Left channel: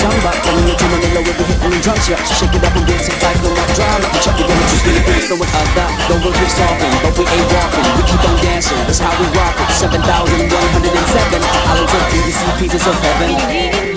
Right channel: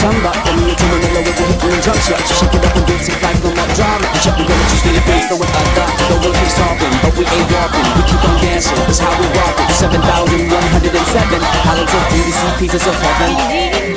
samba. Coming into Manila, we'll be hitting the drum shot. Shake it up and get it like no more drama. And check, we're gonna just Philippines, no one other. Don't really keep talking, but we ain't walking. We keep on dancing, that's how we rock it. 7,107 islands of beauty, see pieces of heaven.